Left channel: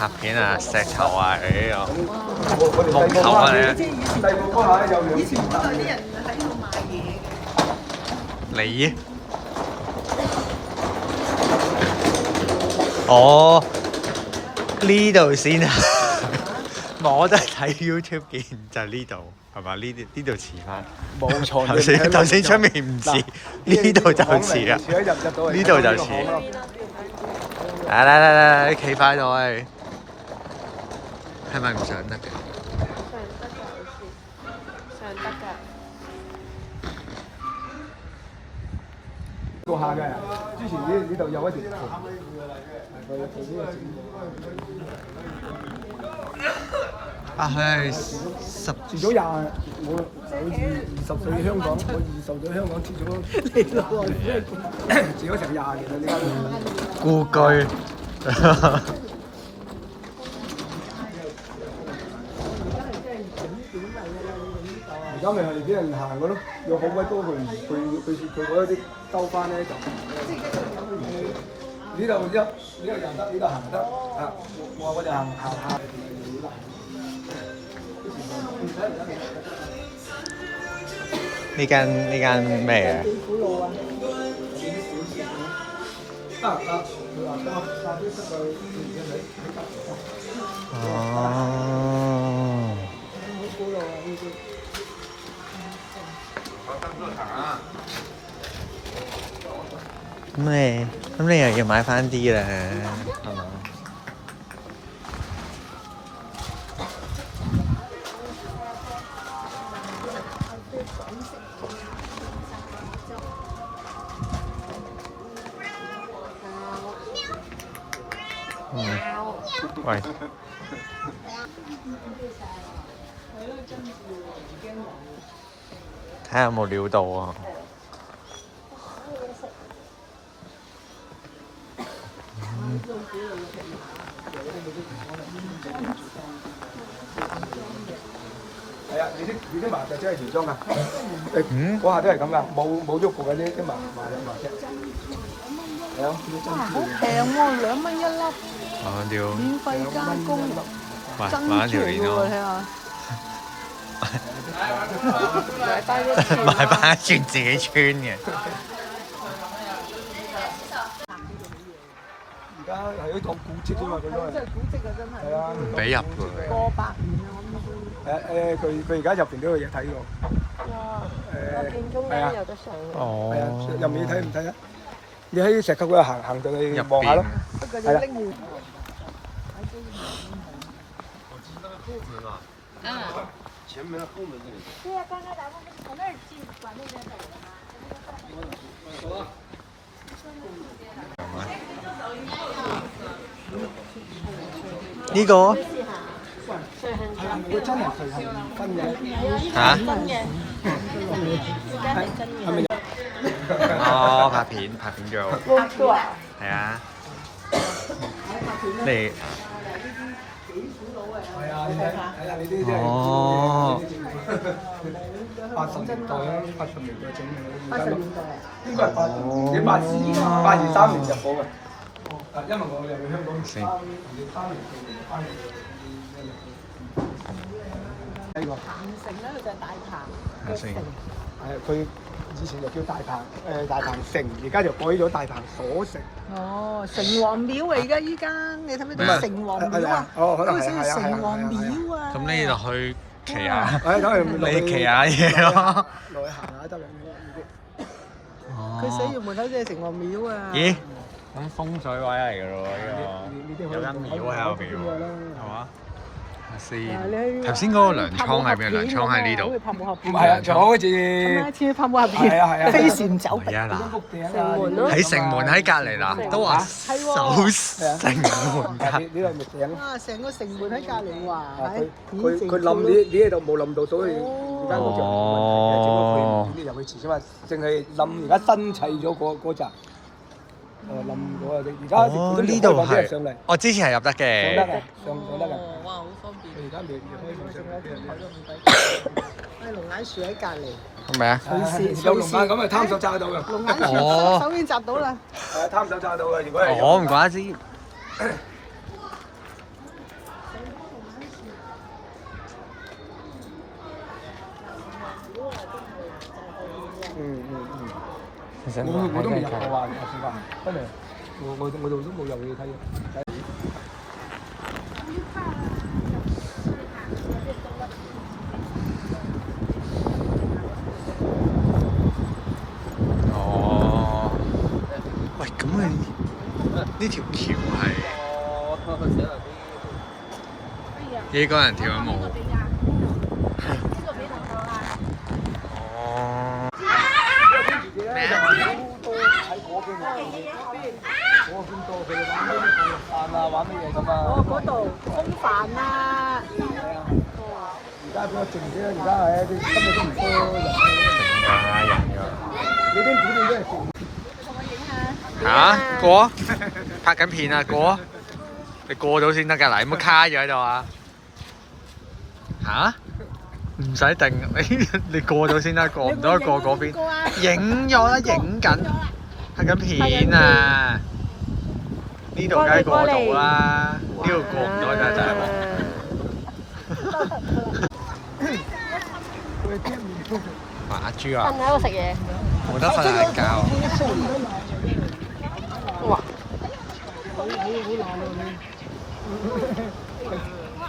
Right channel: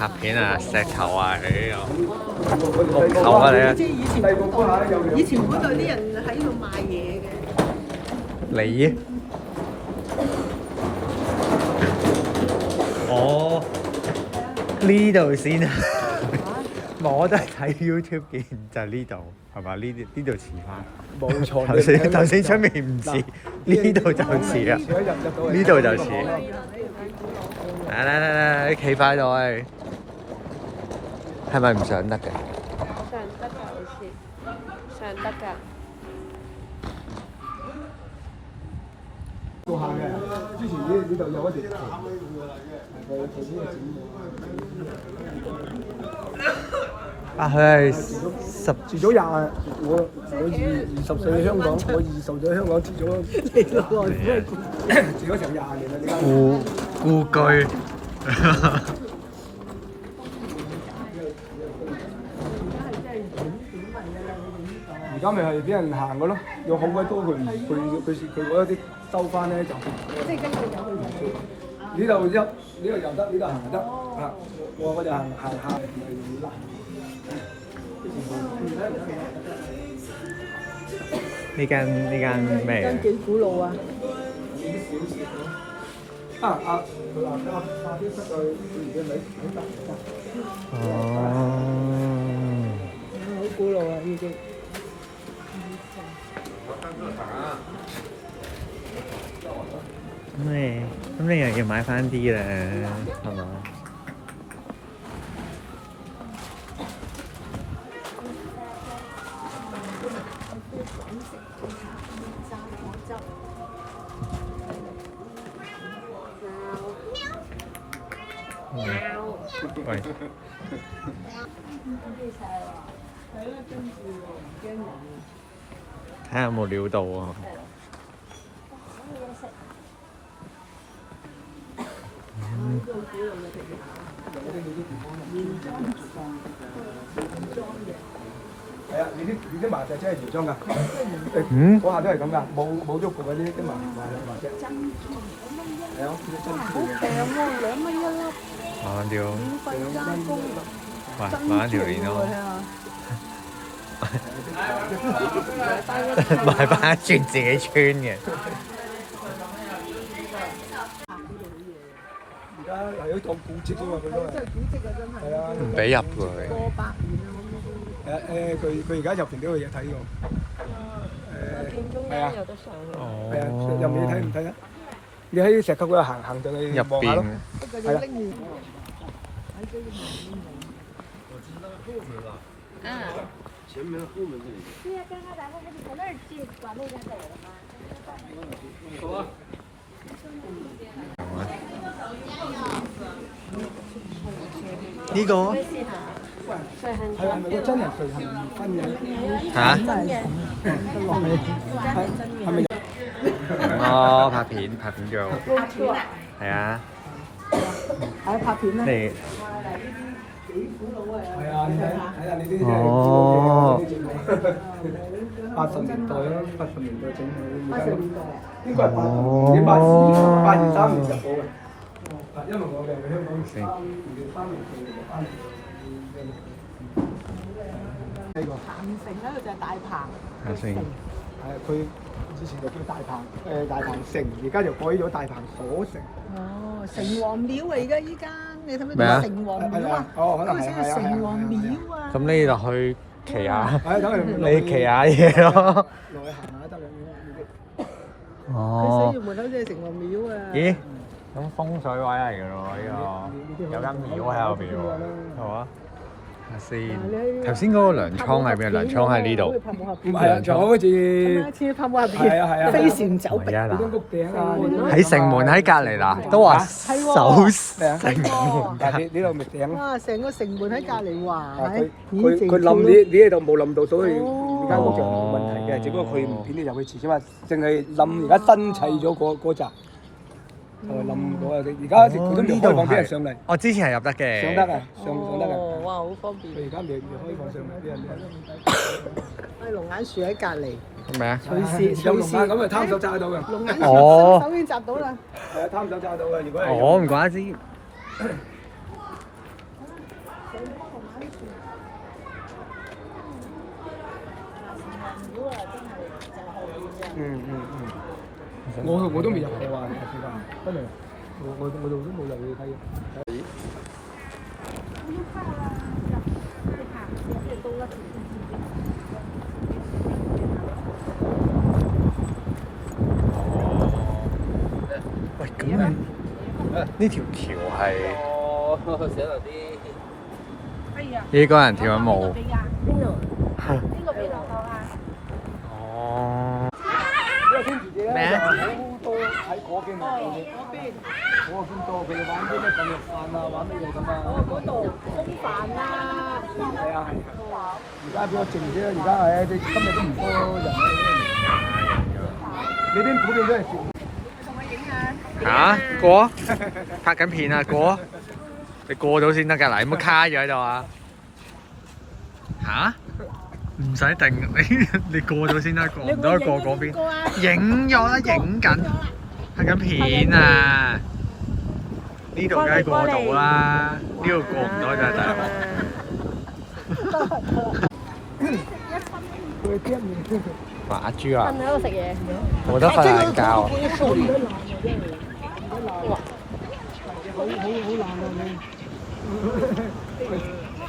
拍片啊，石頭啊，呢個木頭啊你啊，即係以前嗰度啲人喺度賣嘢嘅。你？哦，呢度先啊！我都係睇 YouTube 見就呢度係嘛？呢度似翻。冇錯。頭先出面唔似，呢度就似啊！呢度就似。嚟，你企快度喂！係咪唔上得嘅？做下嘅，之前呢度有一條橋，佢呢個整啊，佢係住咗20，我24喺香港，我20喺香港住咗嚟落來，住咗成20年啦，點解？故居。而家咪係俾人行嘅咯，有好多都佢嗰啲兜翻咧就呢度遊得，呢度行得啊！我就行下咪啦。呢間咩嘅？幾古老啊！佢話下邊室佢而家喺得。哦。好古老啊！呢啲。咁你又要買翻啲啦，係嘛？喂。睇下有冇料到啊！係啊，你啲麻雀真係原裝㗎。嗰下真係咁㗎，冇喐過嗰啲麻雀。係啊，啲珍珠嚟嘅。平喎，2蚊1粒。買條。免費加工。喂，買一條鏈咯。買翻一串自己穿嘅。而家係一套古蹟啫嘛，佢都係。真係古蹟啊！真係。係啊。唔俾入㗎佢。過百年啊！佢而家入邊都有嘢睇喎。我見中間有得上嘅。哦。係啊，入面睇唔睇啊？你喺石級嗰度行上去入望下咯。邊。不過要拎住。前门后门这里。对呀，刚才咱们不是从那儿进，往那边走的吗？走啊！咁啊？呢個？係啊，咪佢真係隨行分嘅。嚇？係咪？哦，拍片做。係啊。你。係啊，你睇下你啲哦。80年代啦，80年代整嘅，而家呢個係82、83年入貨嘅。因為我哋去香港3年翻嚟。呢個鵬城咧，就係大鵬下先。佢以前就叫大鵬城，而家就改咗大鵬鎖城。哦，城隍廟啊！而家依間，你睇唔睇咩啊到城隍廟啊？哦，可能係嗰個城隍廟啊！咁你就去騎下，你你騎下嘢咯。落去行下得啦。佢寫哦。住門口即係城隍廟啊！咦？咁風水位嚟㗎咯喎，呢個有間廟喺後邊喎，係嘛？睇下先。頭先嗰個糧倉喺邊？糧倉喺呢度。唔係啊，就好似似泡沫入邊，飛船走唔係啊嗱，屋頂啊，喺城門喺隔離嗱，都話守城門隔。呢度咪頂咯。哇！成個城門喺隔離哇！佢冧呢喺度冇冧到，所以而家冇整個佢片啲入去遲啫嘛，淨係冧而家新砌咗嗰集。冧嗰啊！而家哦，呢度係上嚟，我之前係入得上得嘅。啊，上得啊！哦，哇！好方便。而家未開上嚟。龍眼樹喺隔離。係咪啊？有龍眼咁咪貪手揸到㗎。龍眼樹哦手已經摘到啦。貪手揸到㗎，如果係。我唔怪之。我都未入過啊，試過，真係我哋都冇入去睇。哦，喂，咁你呢條橋係呢個人跳緊舞。哦。咩啊？嗰邊。我見過佢哋玩啲咩降落傘啊，玩乜嘢咁啊？嗰度風帆啦。係啊。而家變靜啲啦，而家係啲根本都唔多人。人㗎。你啲普遍都係靜。你同我影下。嚇過？拍緊片啊過？你過到先得㗎嗱，有冇卡咗喺度啊？嚇？唔使定，你過咗先啦，過唔到過嗰邊。影咗啦，影緊，拍緊片啊！呢度梗係過到啦，呢度過唔到就係大鑊。馬豬啊！喺度食嘢。冇得瞓晏覺啊！好爛啊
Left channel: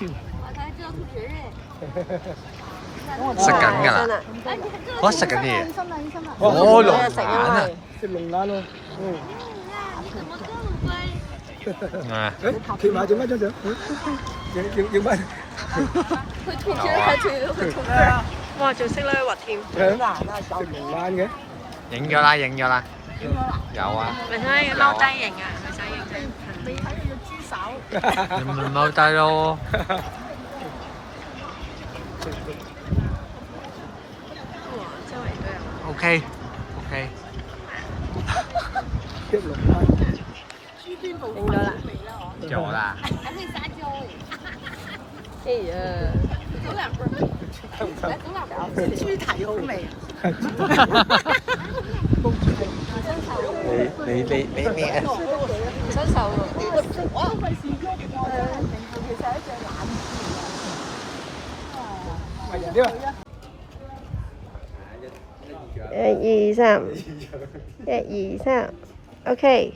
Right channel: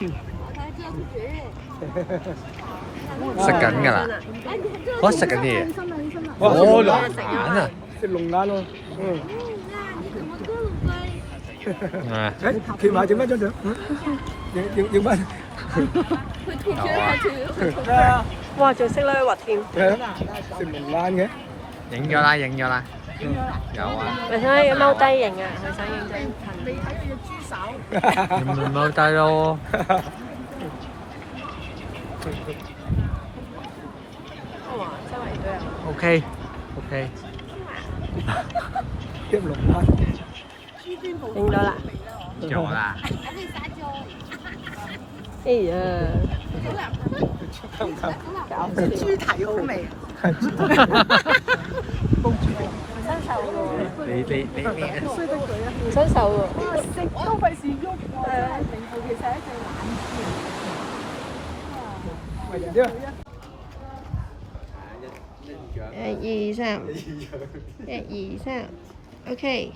你！我才知道吐血嘞。食緊㗎啦！我食緊嘢。哦，龍眼啊！食龍眼咯，你怎麼這麼乖？啊！誒，企埋做咩張相？影咩？有啊！哇，仲識咧滑添。食龍眼嘅。影咗啦，影咗啦。影咗啦。有啊。你睇踎低影啊，佢想影張。未睇佢隻豬手。你咪踎低咯。OK。豬端部影咗啦。有啦。還會撒嬌誒。哎呀，走兩步。來走兩步。豬蹄好味。你啊！唔收手喎。都費事喐我，真係名副其實係一隻懶豬嚟嘅。1、2、3，1、2、3，OK。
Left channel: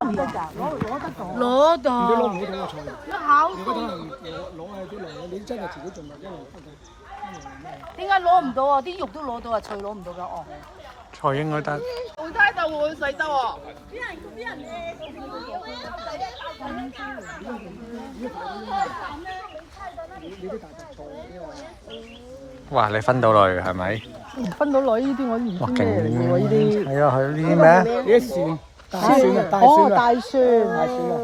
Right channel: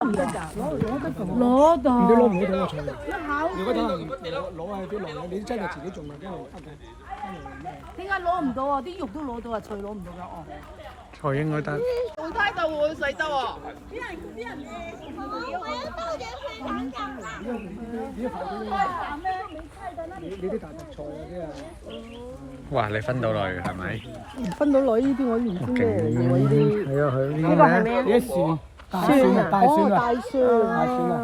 攞到。你攞唔攞到個菜？如果等人攞喺啲籠，你真係自己盡量真係得嘅。點解攞唔到啊？啲肉都攞到啊，菜攞唔到㗎哦。菜應該得。好大豆喎，細豆啊！你啲大白菜啊，因為哇！你分到嚟係咪？分到女呢啲我唔哇！知咩嚟勁喎呢啲。係啊，係呢啲咩？呢啲蒜，大蒜啊，大蒜啊，大蒜，係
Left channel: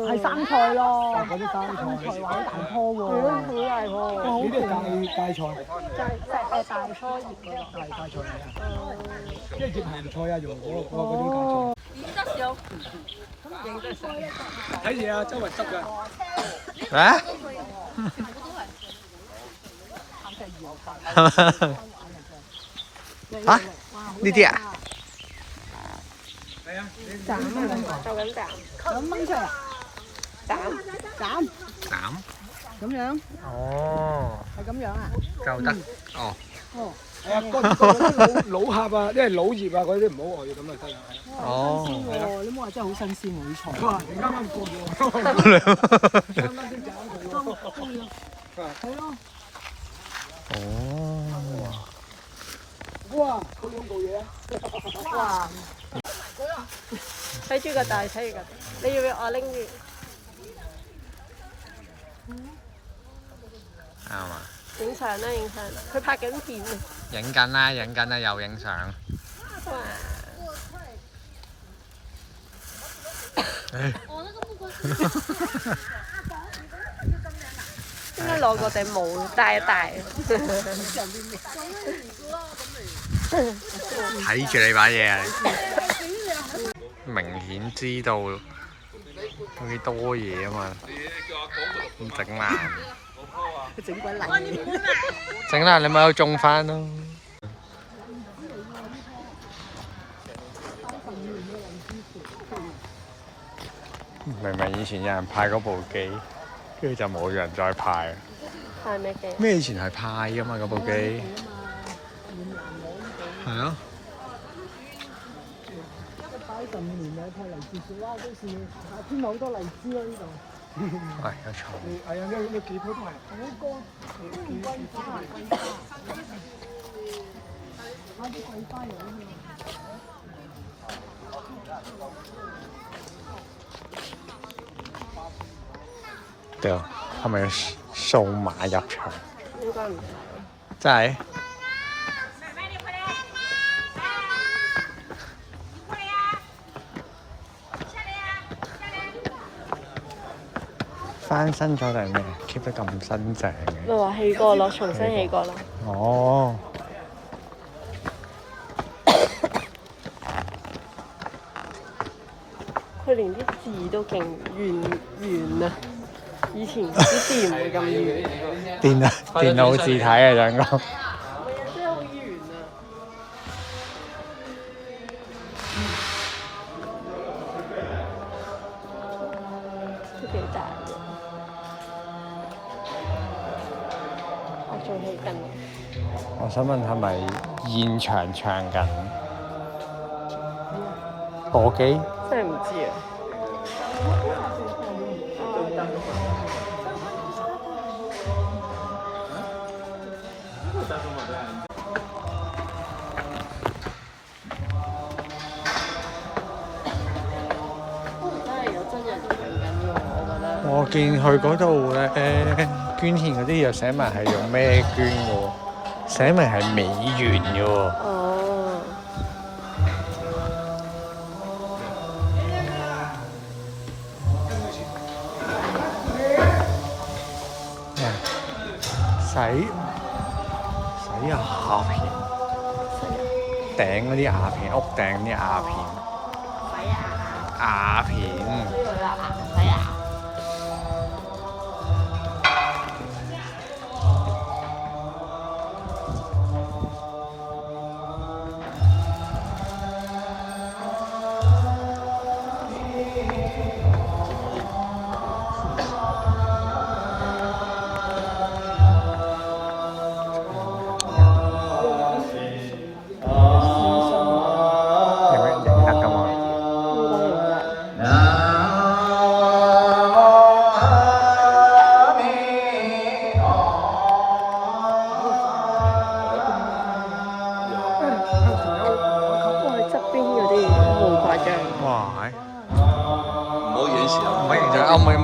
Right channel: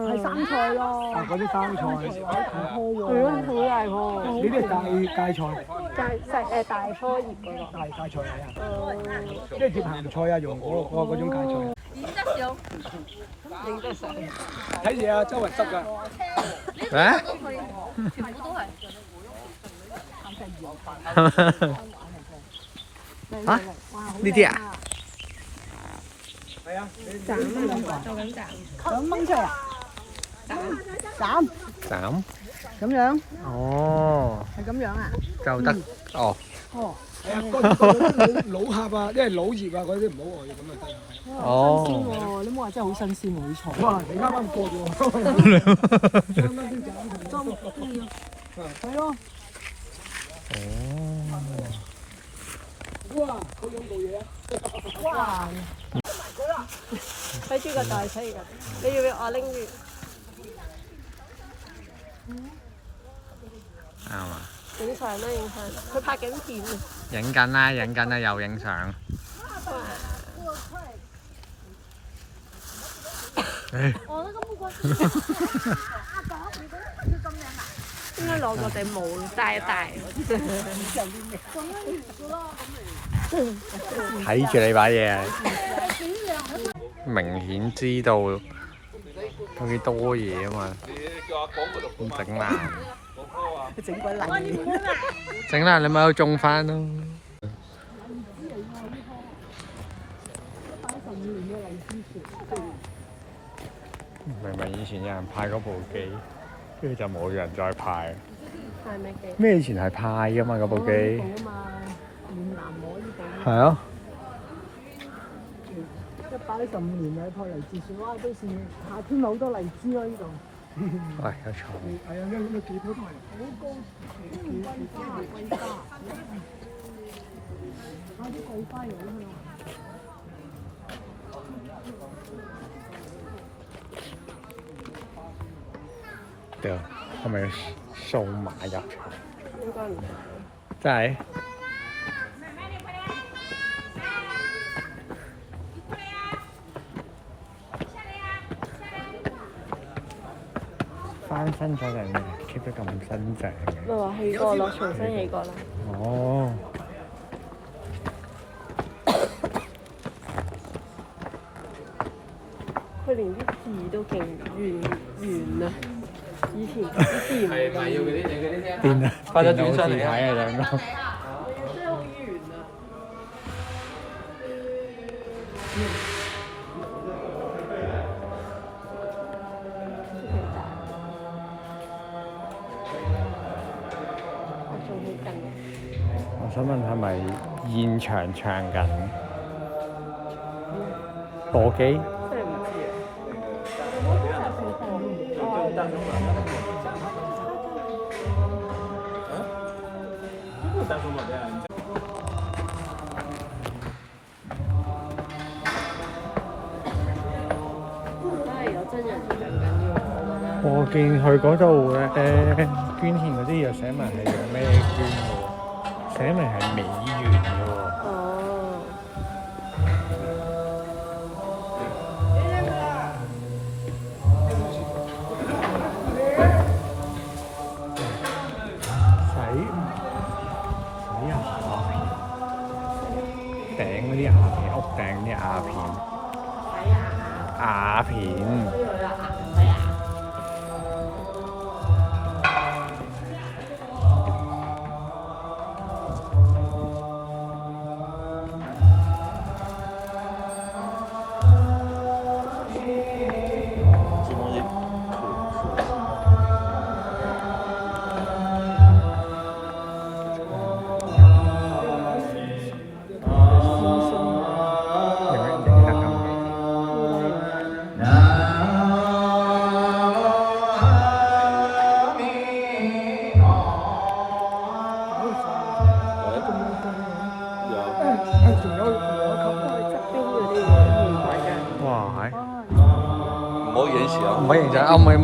係生菜咯。嗰啲生菜，好喎，好大喎。呢啲係芥菜，大棵葉嗰個。大芥菜嚟嘅，即係接鹹菜啊，用嗰種芥菜。點得少？睇嘢啊，周圍執㗎。啊？全部都係。鹹菜魚油啊？呢啲啊？係啊，想掹出嚟啊？斬。斬？咁樣？哦。係咁樣啊？夠得哦。哦。係啊，嗰老殼啊，因為老葉啊嗰啲唔好外咁就得啦。哦。你冇話真係好新鮮喎啲菜。哇！你啱啱過咗喎，啱啱先斬佢。係咯。哦。哇！嗰兩部嘢。哇！細豬個大細㗎，你要唔要我拎住？啱啊！影相啦，影相。佢拍緊片啊！影緊啦，影緊啦，又影相。應該攞個頂帽戴一戴。睇住你把嘢啊！明顯知道有幾多嘢啊嘛，咁整爛。整爛你咪有種翻咯。明明以前有人派嗰部機，跟住就冇人再派。派咩機？咩以前係派噶嘛嗰部機？係啊。115年啦，個荔枝樹哇，都是夏天好多荔枝咯呢度。喂，有蟲。係啊，咩幾棵都係。好多桂花啊，桂花，買啲桂花油去啦。對，係咪數碼入場？應該唔係。真係？翻新咗定係咩 ？keep 得咁新淨嘅。你話起過咯，重新起過咯。哦。佢連啲字都勁圓啊！以前啲字唔係咁圓。電腦字體啊，兩個。真係好圓啊！都幾大。仲起緊。我想問係咪現場唱緊播機？真係唔知啊！我見佢嗰度咧捐獻嗰啲又寫埋係用咩捐喎？寫明係美元嘅喎。洗鴉片，頂嗰啲鴉片，屋頂啲鴉片，鴉片。哇！唔可以影相，唔可以影相，唔可以。